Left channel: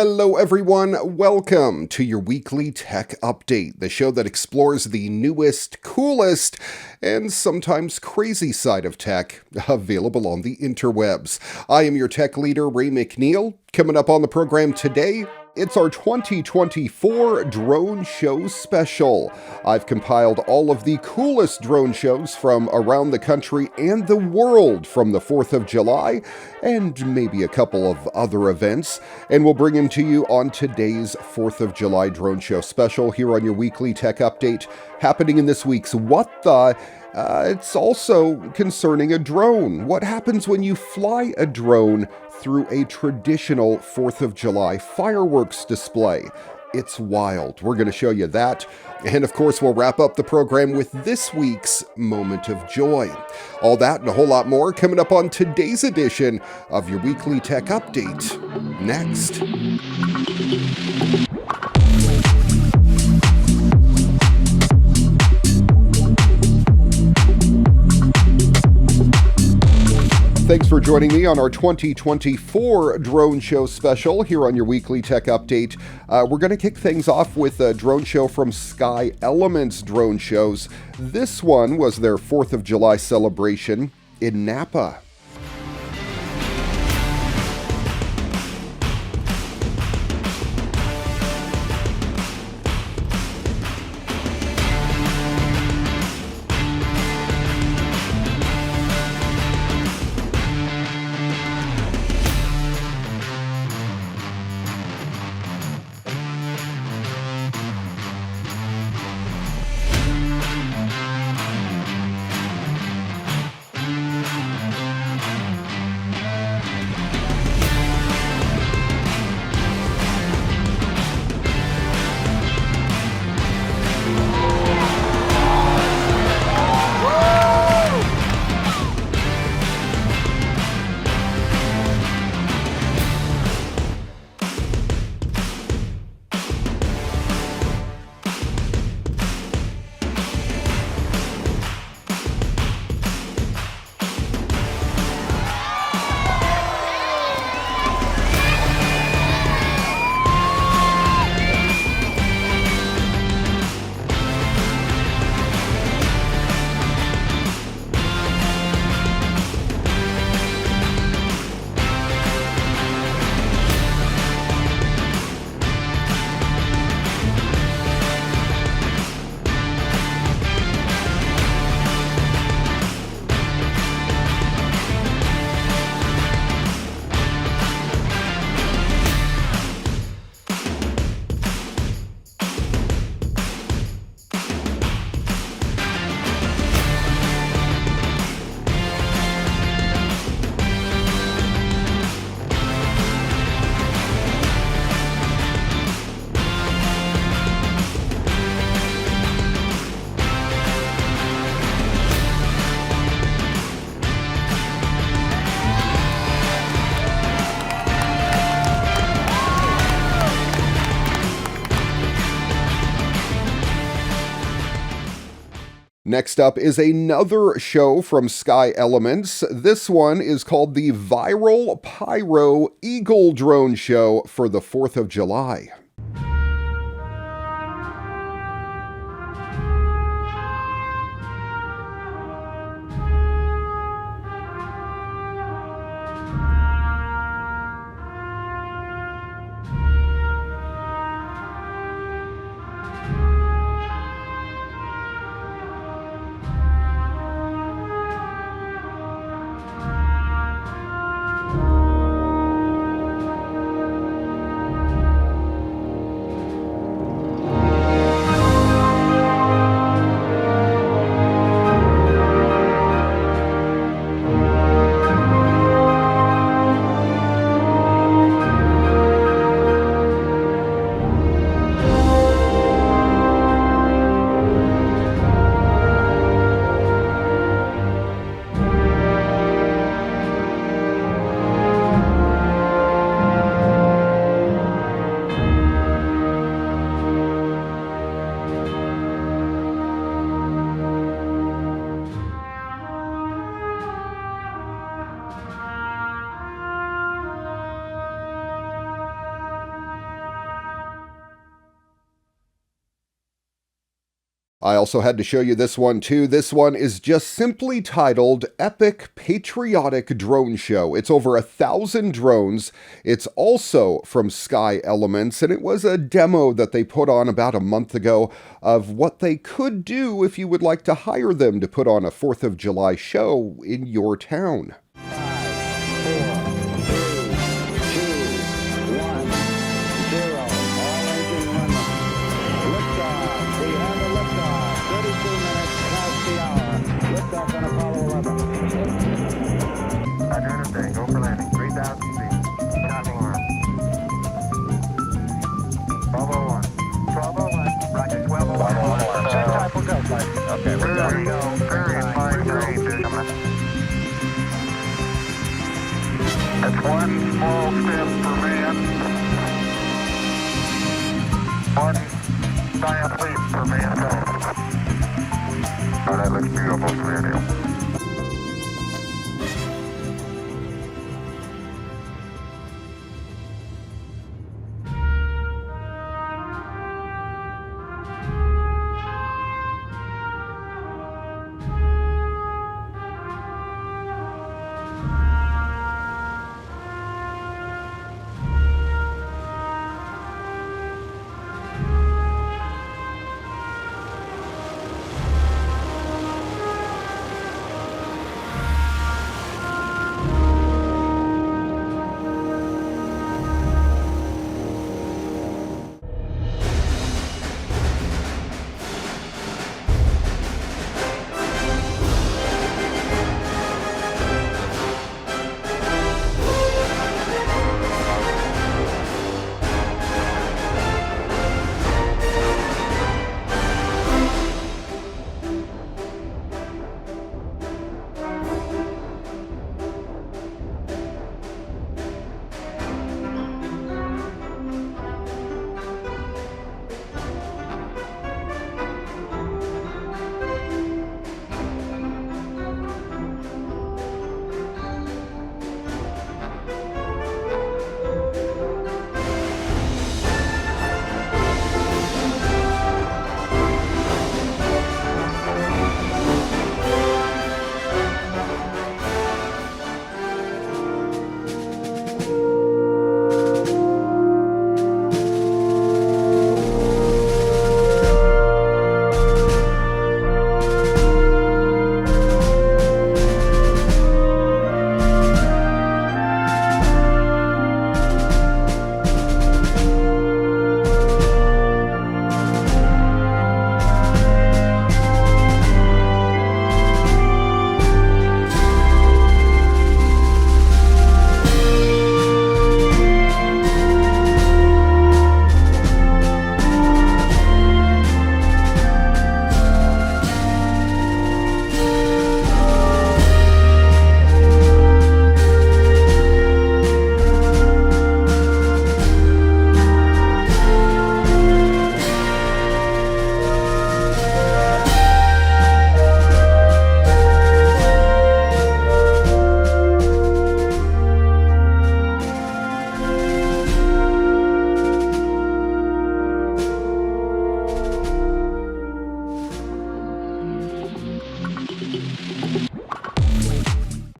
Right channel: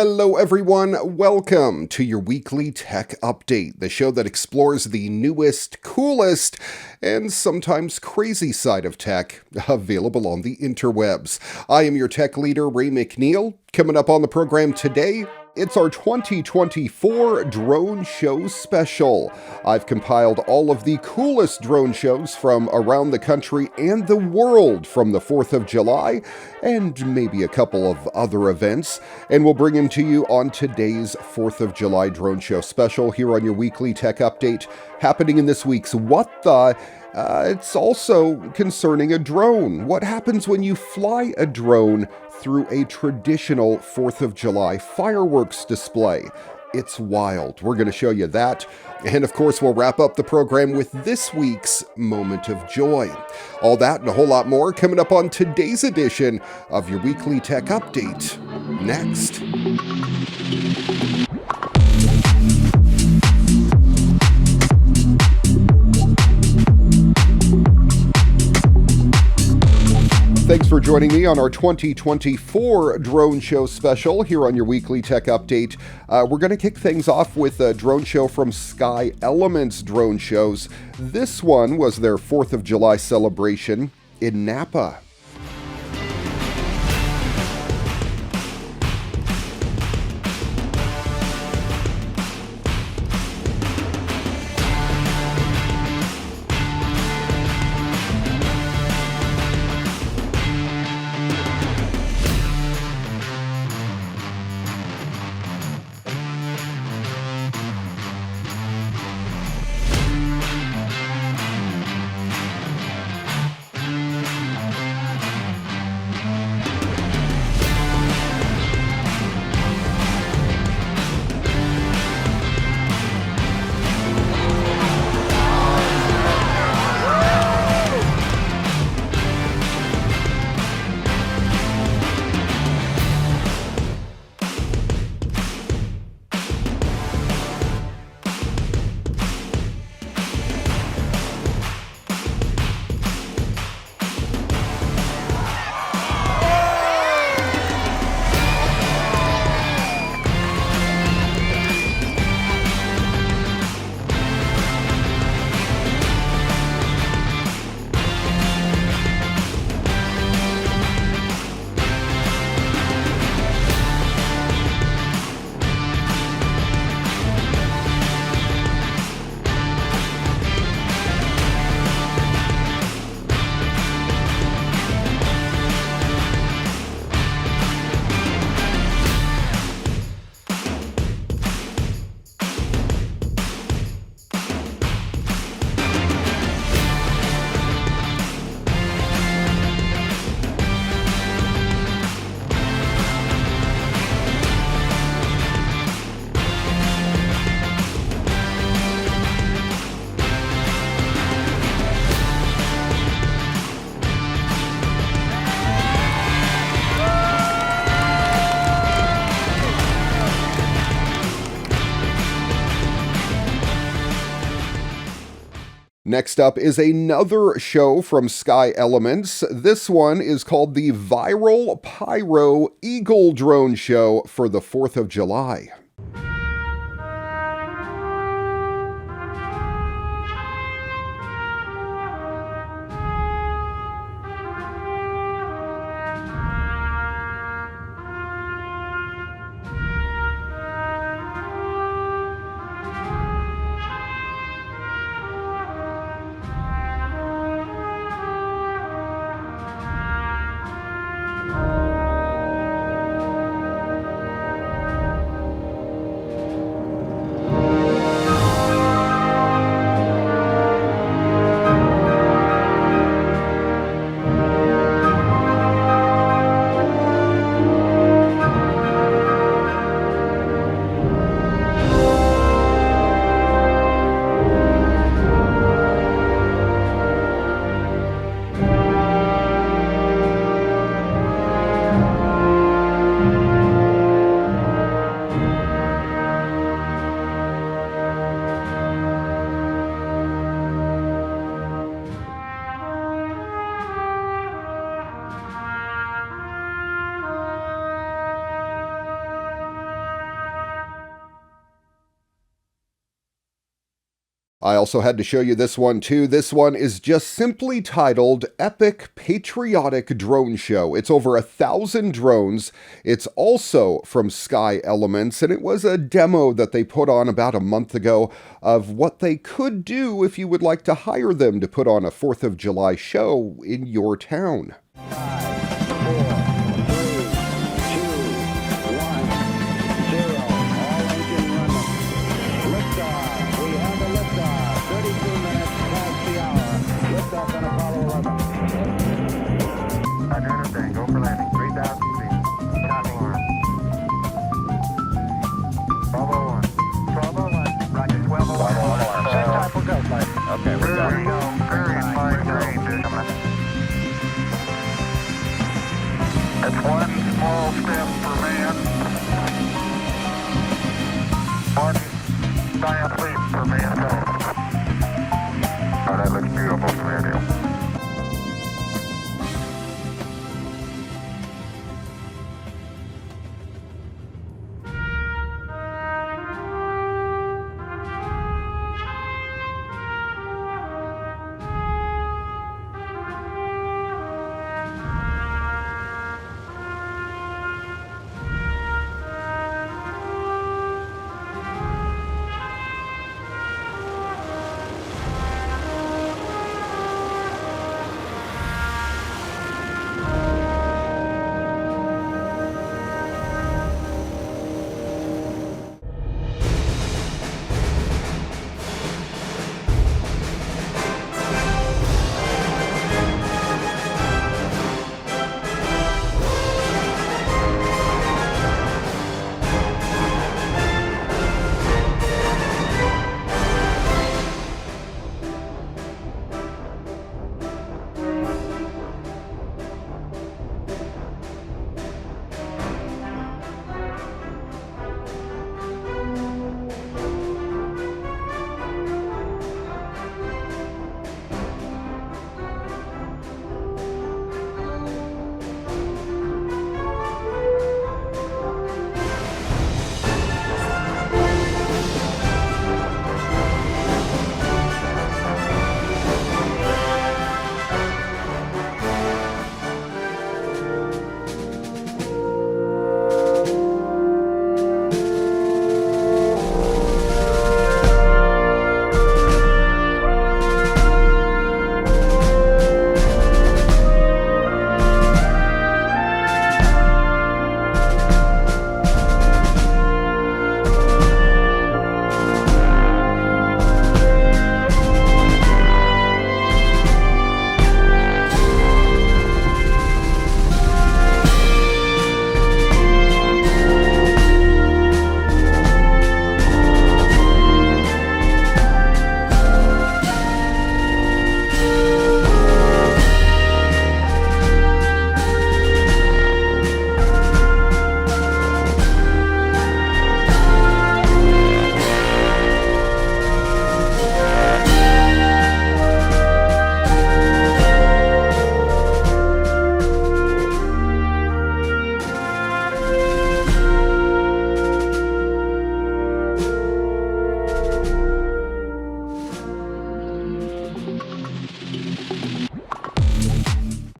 Hello, everyone. Welcome to your weekly tech update, the show that explores the newest, coolest, and sometimes crazy side of tech available on the interwebs. I am your tech leader, Ray McNeil. Coming up on the program today, it's our 2024 Drone Show Special. I've compiled all of the coolest drone shows from around the country and the world from the 4th of July, and maybe a couple of other events, and we'll bring them to you on today's 4th of July Drone Show Special here on your weekly tech update, happening in this week's What The? It's also concerning a drone. What happens when you fly a drone through a traditional 4th of July fireworks display? It's wild. We're going to show you that. And of course, we'll wrap up the program with this week's Moment of Joy. All that and a whole lot more coming up on today's edition of your weekly tech update. Next. Thanks for joining me on our 2024 Drone Show Special here on your weekly tech update. We're going to kick things off with a drone show from Sky Elements Drone Shows. This one was their 4th of July celebration in Napa. Next up is another show from Sky Elements. This one is called the Viral Pyro Eagle Drone Show for the 4th of July. I also had to show you this one too. This one is just simply titled Epic Patriotic Drone Show. It's over 1,000 drones. It's also from Sky Elements, and it was a demo that they put on about a month ago of what they could do if you would like to hire them to put on a 4th of July show in your town. 5, 4, 3, 2, 1, 0. All engine running. Liftoff. We have a liftoff. 32 minutes past the hour. Liftoff on Apollo 11. Roger, understand. Go for landing. 3,000 feet. Copy. 1201. 1201. Roger, 1201. Same type of go flight. Okay, we're going. There we go. Very fine range. That's one small step